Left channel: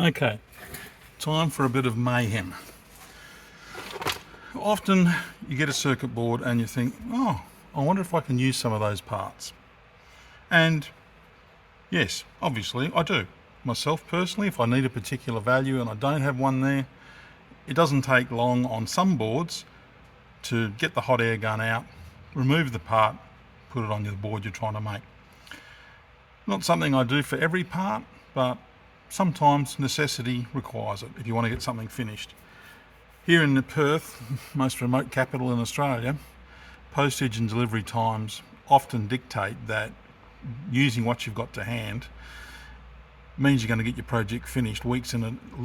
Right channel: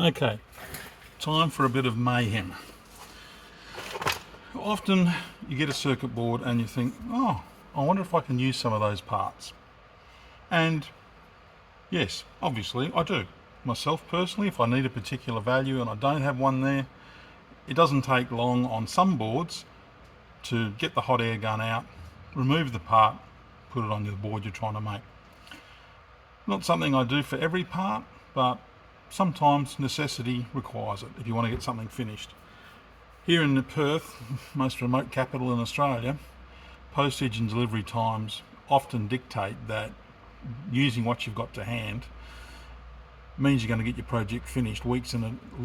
Okay, time for a bit of mayhem. Often you get a circuit board and you think, oh, I wonder if I can use some of those parts. And yes, obviously I do. Myself personally, if I need a particular value and I don't have one there, it doesn't take long on some boards to get the hot air gun out, remove the part, put it on the board you're trying to make. Not something I do for every part, but sometimes necessity requires it if you want to get something finished. Here in Perth, most remote capital in Australia, postage and delivery times often dictate that using what you've got to hand means you're going to get your project finished weeks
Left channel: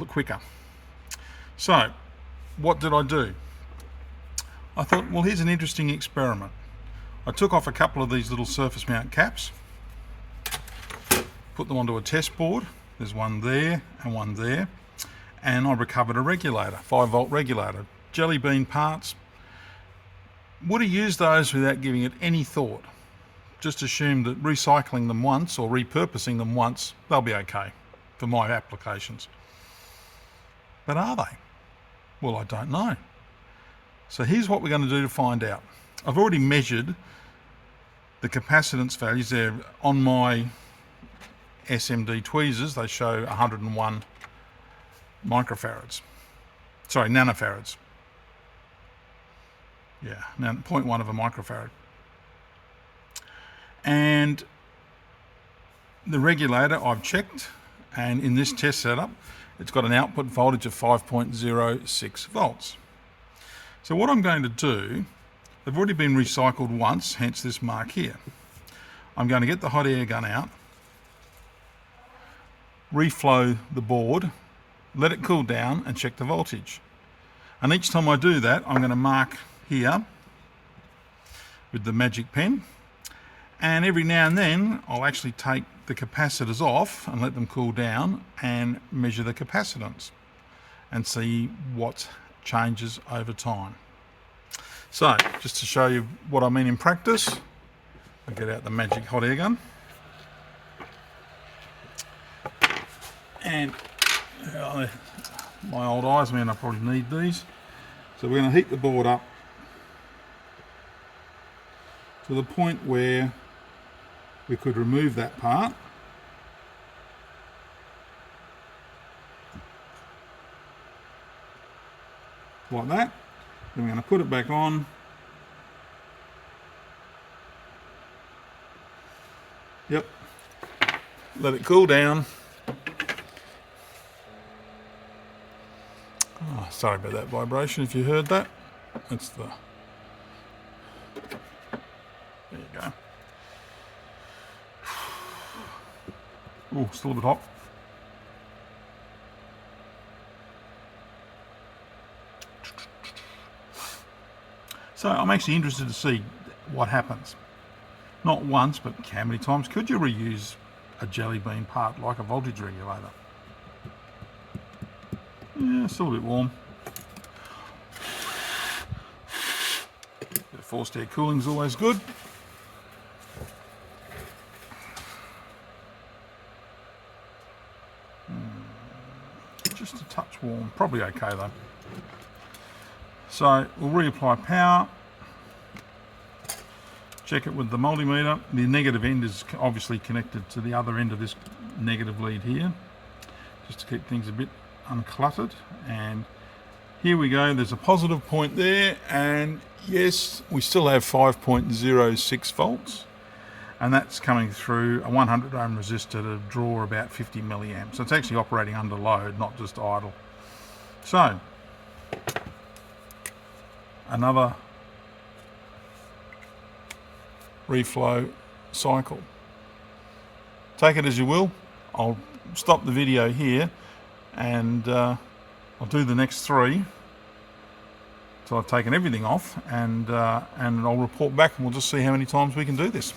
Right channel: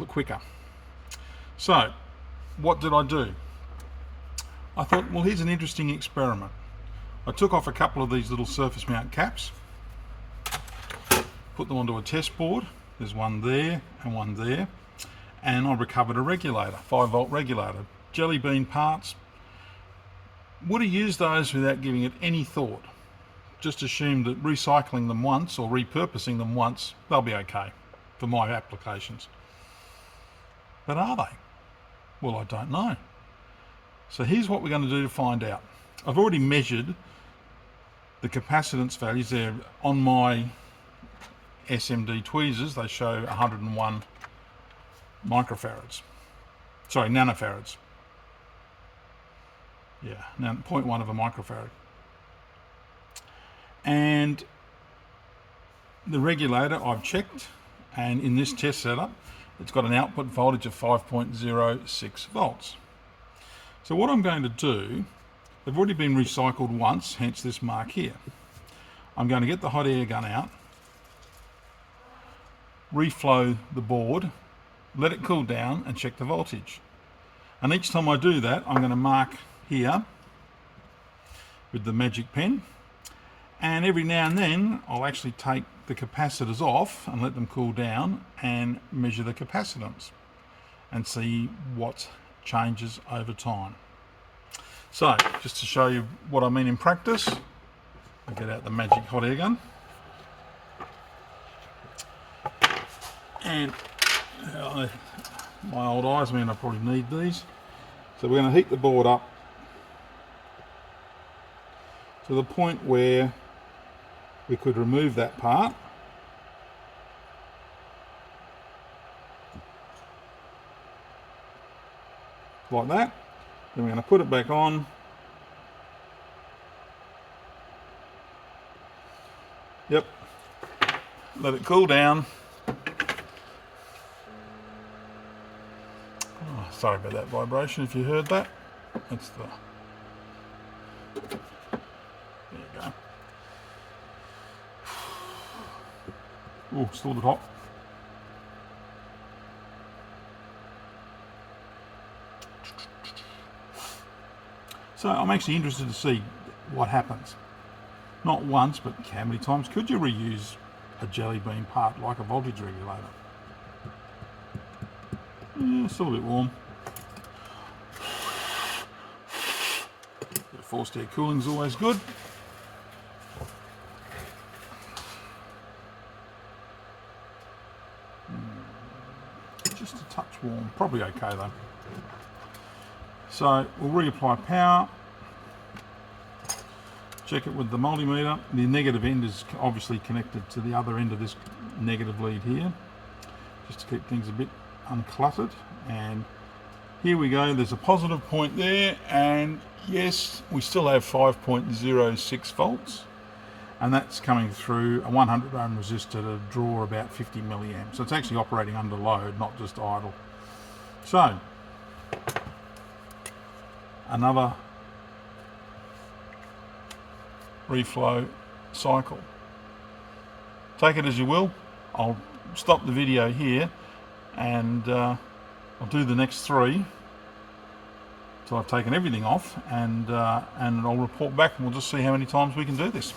quicker. So, what did I do? I thought, well, here's an interesting experiment. I took off a couple of these little surface mount caps, put them onto a test board. There's one there and one there. And I recovered a regulator, 5-volt regulator, jelly bean parts. Would have used those without giving it any thought. Just assumed that recycling them once or repurposing them once, they'll be okay for my applications. But are they? Well, I don't know. So here's what we're going to do to find out. I've already measured the capacitance values. They're on my SMD tweezers. They show 101 microfarads. Sorry, nanofarads. Yeah, 0.1 of a microfarad. And the regulator I've checked, and in this test setup, it's got an output voltage of 5.06 volts. So what I'm going to do, they've already been recycled once, hence this mark here. I'm going to get the hot air gun out, reflow the board, let it cool down and check the voltage. And each time I do that, I'm going to mark here with the magic pen. And every now and then, I'll actually take the capacitors off and let them cool down and measure the capacitance and see what changes over time. So, just to show you what I mean in practice, I'll get out the magic hot air gun. And my old eyes mean I probably need these. So we're going to heat the board up to the point where we could remove that part. Like that. Then we're going to put it back on. Yep. Let it cool down. Oh, sorry about that vibration if you heard that. It's the... There you go. Oh, still a bit hot. So I'm actually interested to see what happens. Not once, but how many times could you reuse a jelly bean part like a voltage regulator? Yeah, still a bit warm. Bit of forced air cooling is always good. Just a touch warm, probably okay though. So we'll reapply power, check it with the multimeter. The negative end is obviously connected to the other end of this negative lead here, just to keep things a bit uncluttered. And here we go, there's a positive point there, and yes, we still have 5.06 volts, and that's coming through a 100 ohm resistor to draw about 50 milliamps. So it's actually operating under load, not just idle. So another reflow cycle. Take it as you will. I'll stop the video here and I'll do the next 3. So I've taken everything off, and I'll report back and we'll just see how many times we can do this.